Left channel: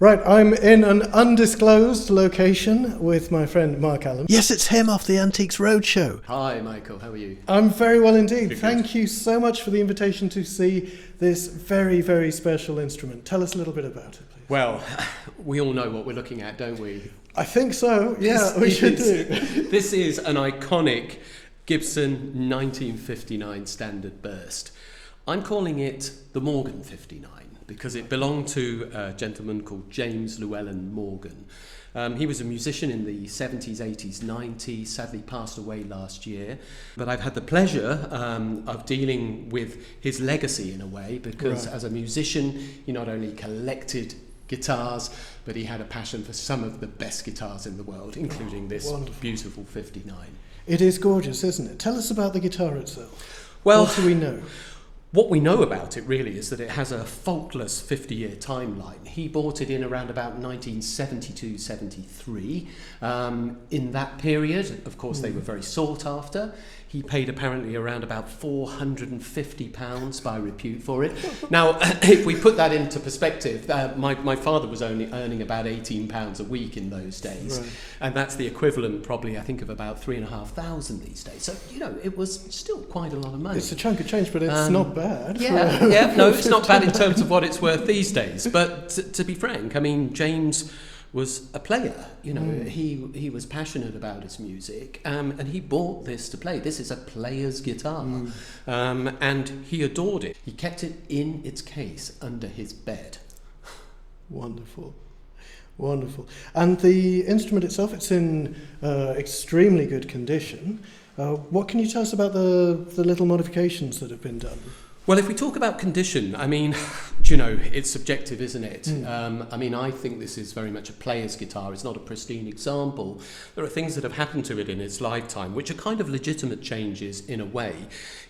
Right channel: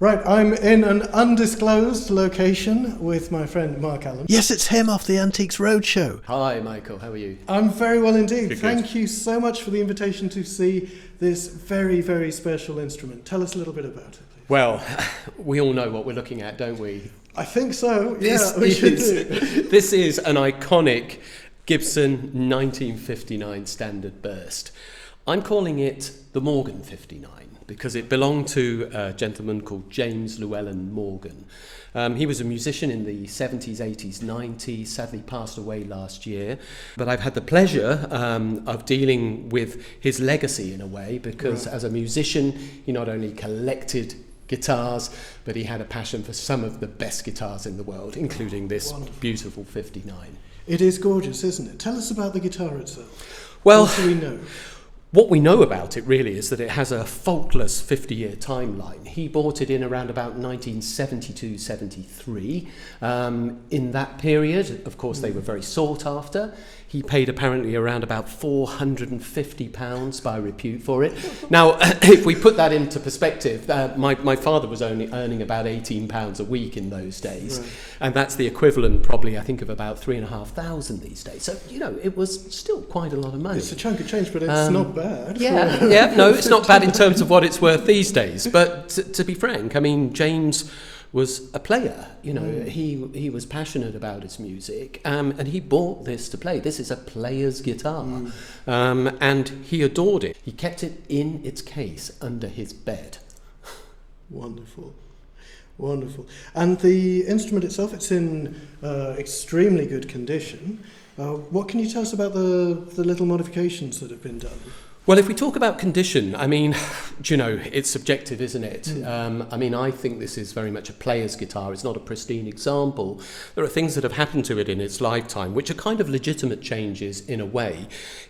Right, I'm in an undisclosed location with my friend Marc Allum. Yes, it's him off the Antiques Roadshow. Hi, Michael. How are you? I'm very well indeed. Good. Thank you so much for the invitation to see this very, very special instrument. Tell us a little bit about it, please. Well, we all know what we're looking at, don't we? I think so. Yeah, we should do. This is an iconic Gibson 1959 Standard Burst. I'm calling it the Morgan 59 because it belonged to a gentleman called James Llewelyn Morgan. He was a musician in the 70s, 80s, 90s, sadly passed away last year. But I've had the pleasure of dealing with his legacy in a way because as a musician, he not only collected guitars, but he had a passion for some of the best guitars in the world, including this beautiful 59. It is gorgeous, isn't it? Tell us about the guitar itself. Well, what do we know? What we know about it really is that it has a faultless 50-year timeline. He bought it in around about 1972-73. In that period, of course, they were very sought after. He paid apparently around about £450 by repute for it. Now, if we put that into perspective, my father was only earning about £18 a week in those days. Right. And that's the equivalent probably, I think, of about £3,500 these days. So, you know, it was still quite a lot of money. It's a chunk of change, but it's not bad. No, it's not bad in terms of what it's worth these days. But to be frank, I mean, James was a player, you know, he was passionate about his music, and he bought this to play. This is a player's guitar, and he adored it. He kept it in its case under his bed. Wonderful. Wonderful. And the instrument itself, it's in extremely good condition. What can you tell us about the little modifications that have been done? Well, if we talk about condition, I mean, you know, it's subjective, isn't it? I mean, I think this is very much a player's guitar. It's not a pristine example. There are things that have happened to it in its lifetime, which are kind of legitimate changes in a way.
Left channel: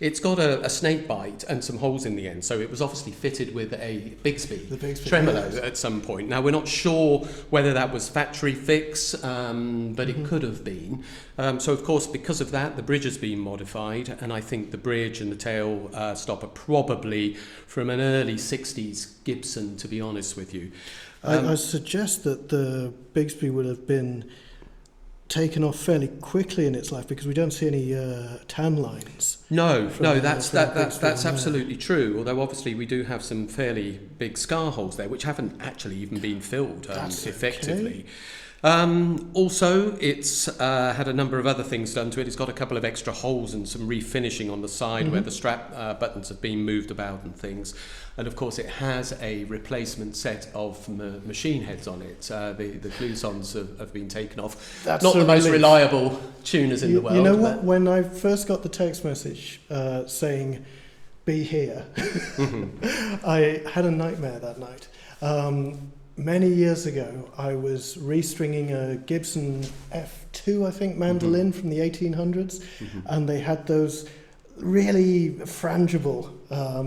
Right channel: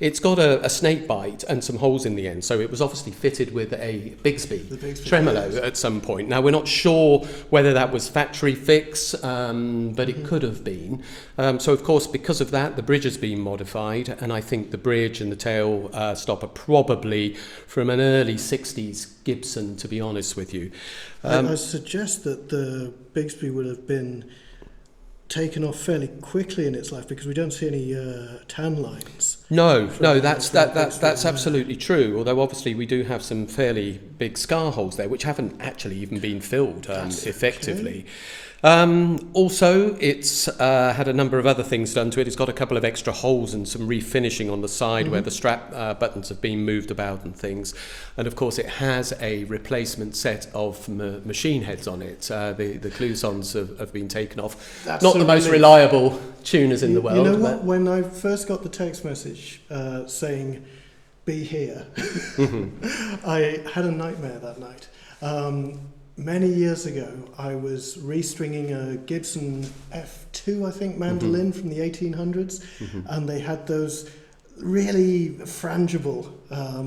It's got a snake bite and some holes in the end, so it was obviously fitted with a Bigsby tremolo at some point. Now, we're not sure whether that was factory fix, but it could have been. So, of course, because of that, the bridge has been modified, and I think the bridge and the tail stop are probably from an early 60s Gibson, to be honest with you. I suggest that the Bigsby would have been taken off fairly quickly in its life because we don't see any tan lines. No, that's absolutely true. Although obviously we do have some fairly big scar holes there, which haven't actually even been filled effectively. Also, it's had a number of other things done to it. It's got a couple of extra holes and some refinishing on the side where the strap buttons have been moved about and things. And of course, it has a replacement set of machine heads on it. The cloisons have been taken off. Not the most reliable tuners in the world. You know what? When I first got the text message saying, "Be here," I had a nightmare that night. Many years ago, I was restringing a Gibson F2, I think, mandolin from the 1800s, and they had those really frangible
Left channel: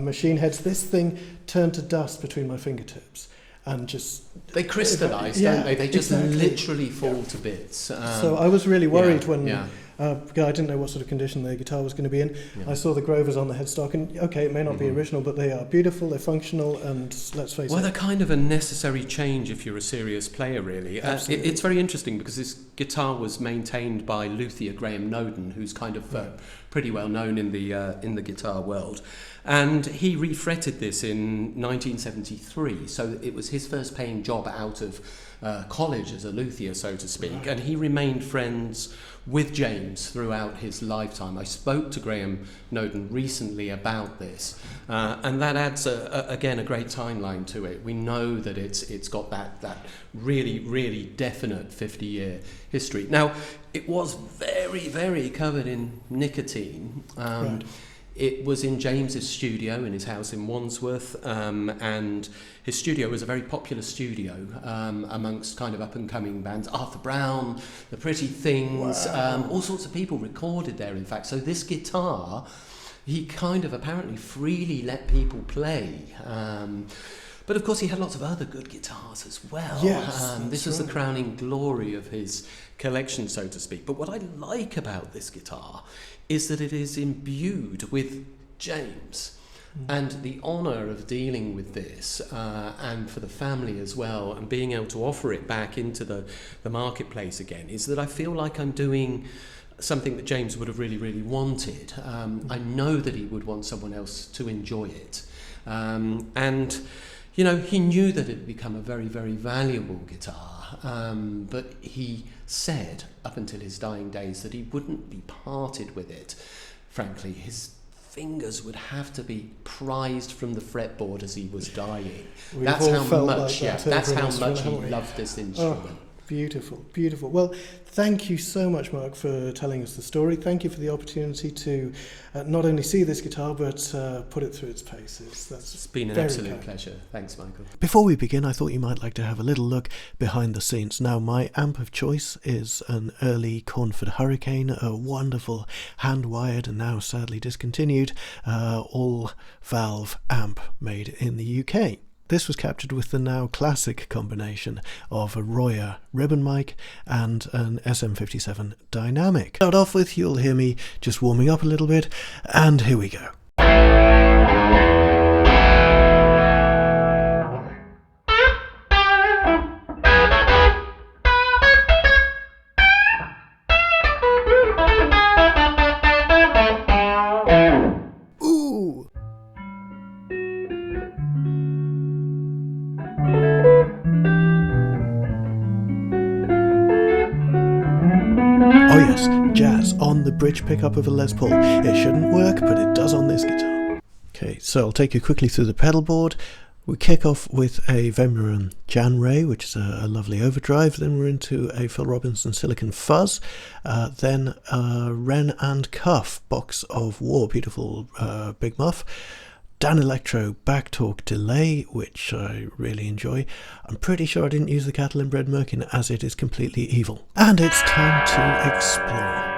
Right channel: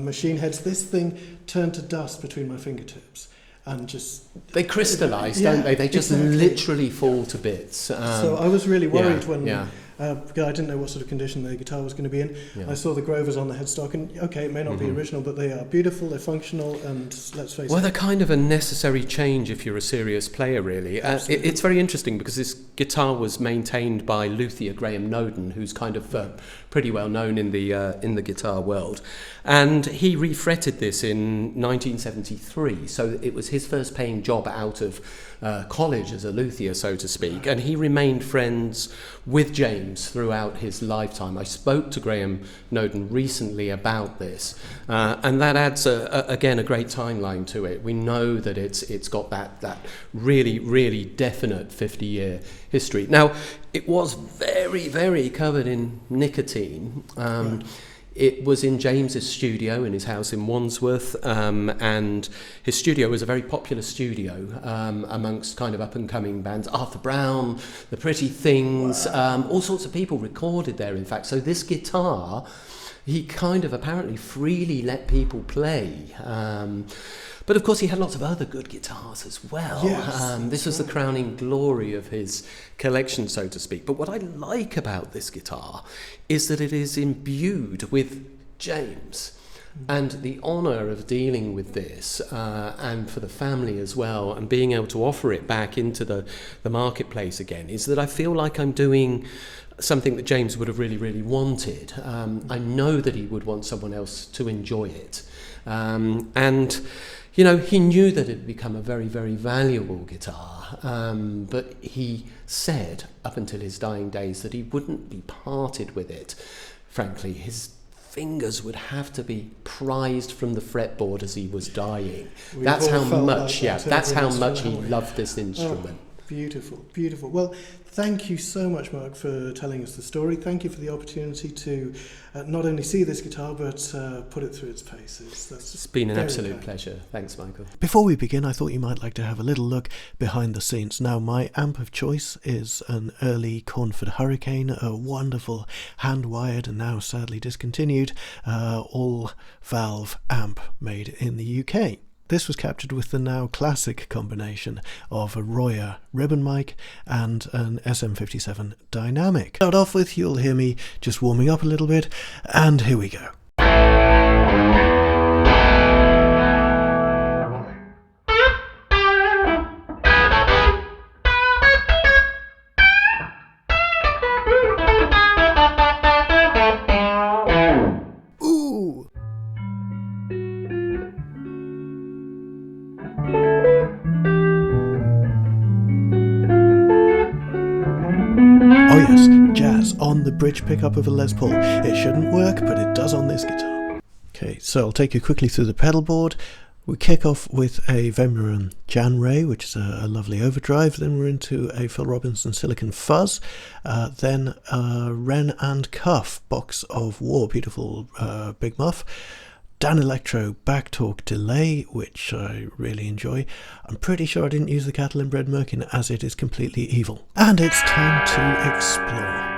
machine heads. This thing turned to dust between my fingertips, and just... They crystallise, don't they? They just literally fall to bits. So I was really worried when... I didn't know what sort of condition the guitar was going to be in. I saw the Grovers on the headstock, and okay, it may not be original, but they are beautiful, they're functional, and let's face it. Well, they're kind of a necessary change if you're a serious player, really. It's very interesting because this guitar was maintained by luthier Graham Noden, who's kind of pretty well known in the guitar world. And he refretted this in 1973, so it was his first paying job out of college as a luthier, so to speak, and he remained friends with James throughout his lifetime. I spoke to Graham Noden recently about this, and that adds again a great timeline to it. We know that it's got that really, really definite 50-year history. Now, it was very, very covered in nicotine. It was in James's studio in his house in Wandsworth, and his studio was a very popular studio amongst kind of up-and-coming bands. Arthur Brown, The Pretty Things, all sorts of people recorded there, in fact. So this guitar, he kind of apparently freely let people play. But of course he had lots of other good guitars as well. Yes, this was the crowning glory of his collection, so to speak. But what I like about this guitar is that it is imbued with James. And the honour of dealing with this, and for the family as well, and being able to offer it back into the marketplace again, is that I feel like I'm doing something that James would have really, really wanted. I know that he would want someone else to enjoy it. And, you know, he knew that it would become a very, very valuable guitar, but he said up until his dying days that he wouldn't be parted with it. Frankly, his fingers would have to be prized from the fretboard as he was dying. That's how much, that's how much he loved this instrument. Oh, beautiful, beautiful. Well, thank you so much, Marc, for telling us the story. Thank you for the opportunity to not only see this guitar, but put it through its paces. It's been an absolute pleasure. Thanks, Michael. Before we begin, I thought you might like to have a little look behind the scenes. Now, my amp of choice is an early Cornford Hurricane, a wonderful hand-wired and now sadly discontinued all-valve amp made in the UK. This was captured with the now classic combination of a Royer ribbon mic and an SM57 dynamic. Start off with, you'll hear me just warming up a little bit, and here we go. Ooh! Oh yes, jazz on the bridge pickup of a Les Paul. It shouldn't work, but it does on this guitar. Okay, so I'll take you quickly through the pedal board. We kick off with a Vemiron Jan Ray, which is a lovely overdrive. Then we're into a Phil Robinson Silicon Fuzz. Then a Wren and Cuff Box of War, beautiful big muff. Dan Electro Backtalk Delay, which I really enjoy. I'm pretty sure I didn't use the Cattle and Bread Merkin as it is completely evil. And it's time to explore.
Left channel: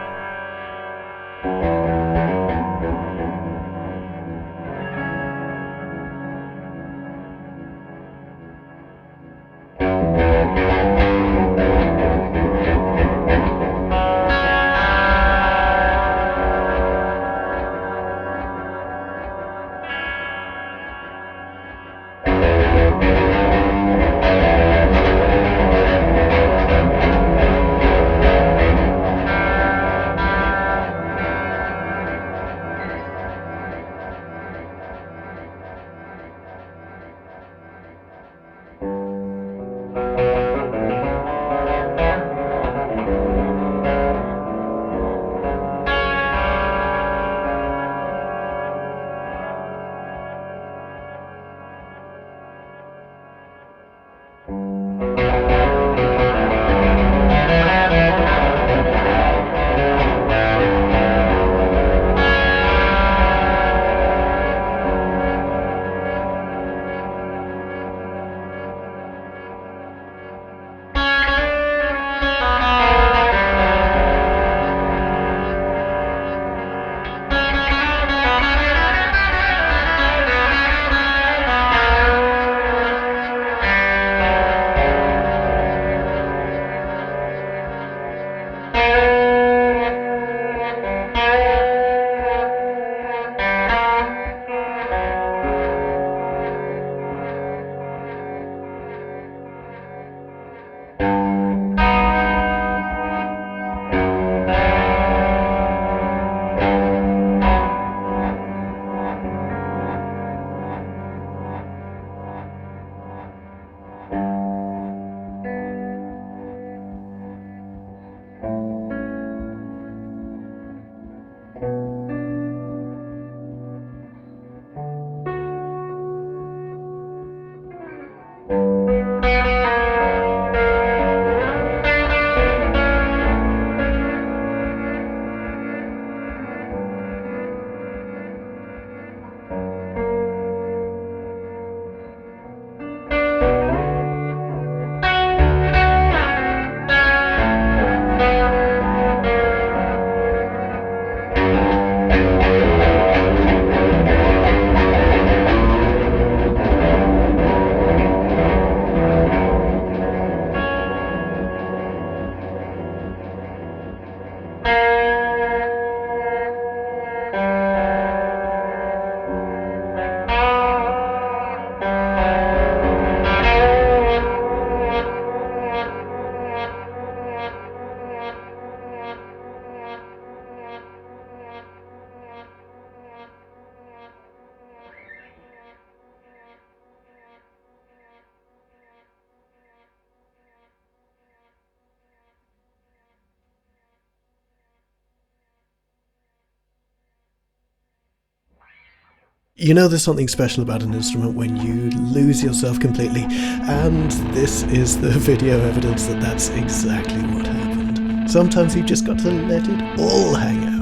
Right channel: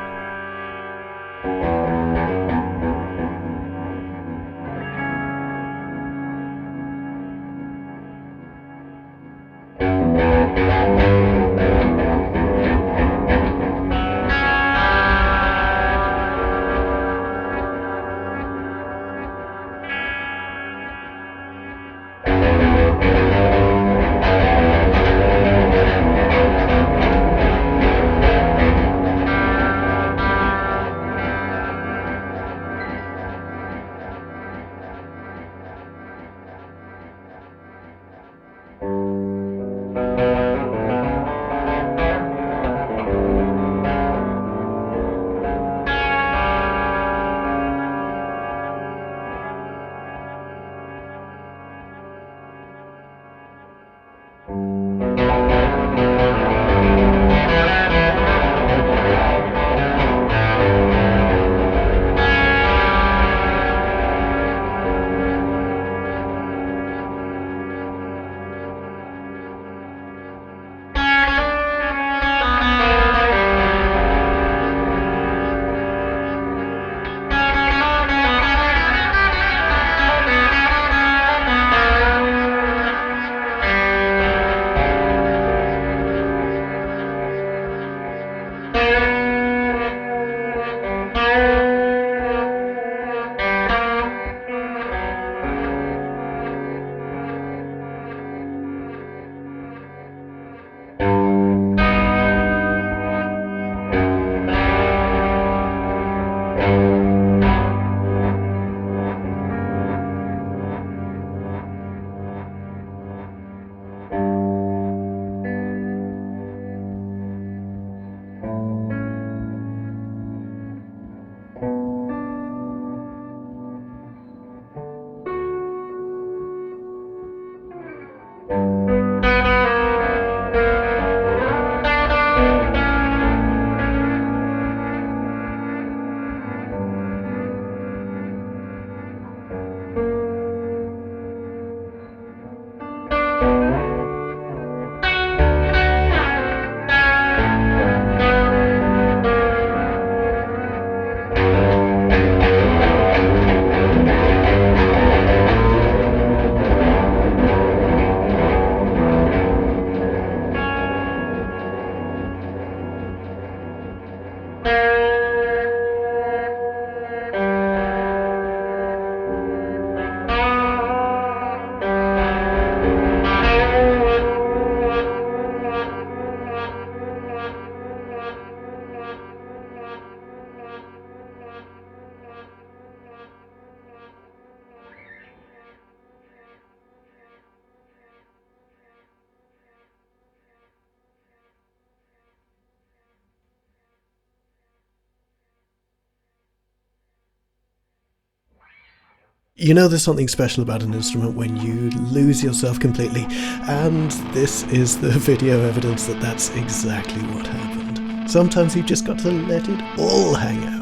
You know there's something special about an instrument when you lose yourself completely, and this is the video evidence that that's exactly what happened. Sometimes you've just got to let it all hang out.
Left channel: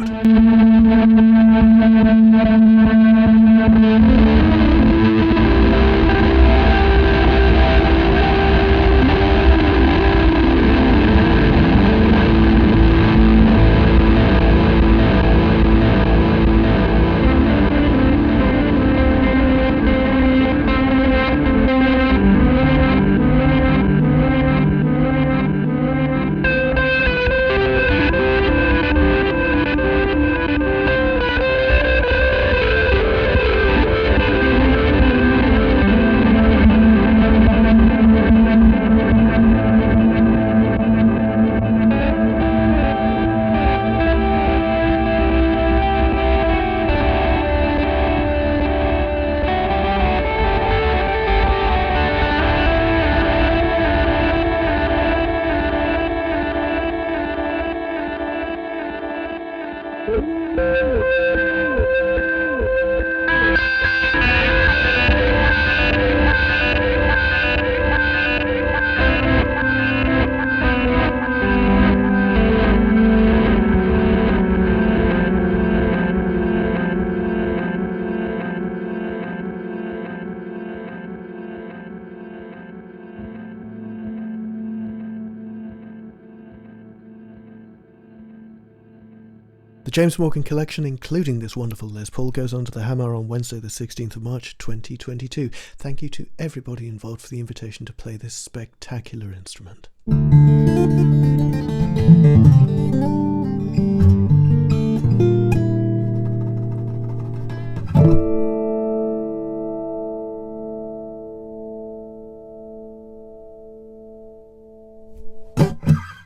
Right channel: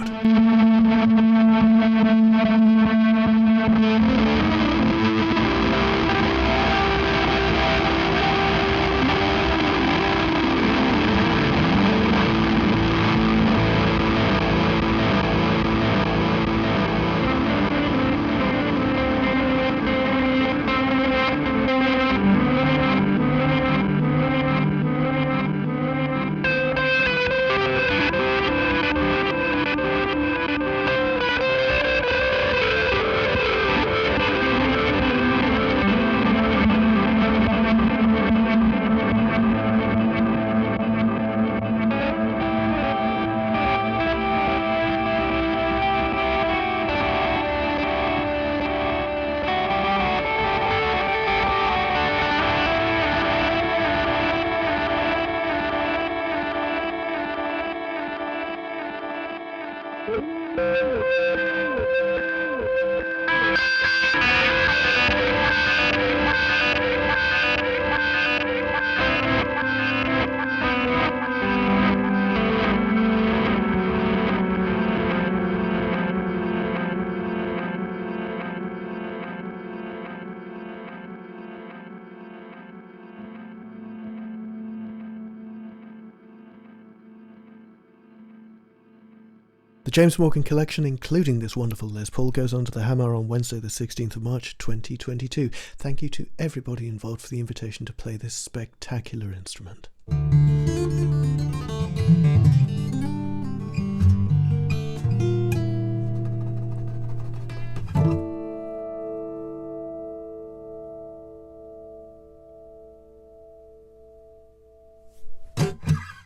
The James Morgan collection, including this wonderful Les Paul, goes on to the Hammer on Wednesday the 16th of March 2022. Thank you to everybody involved for the invitation to play this spectacular instrument.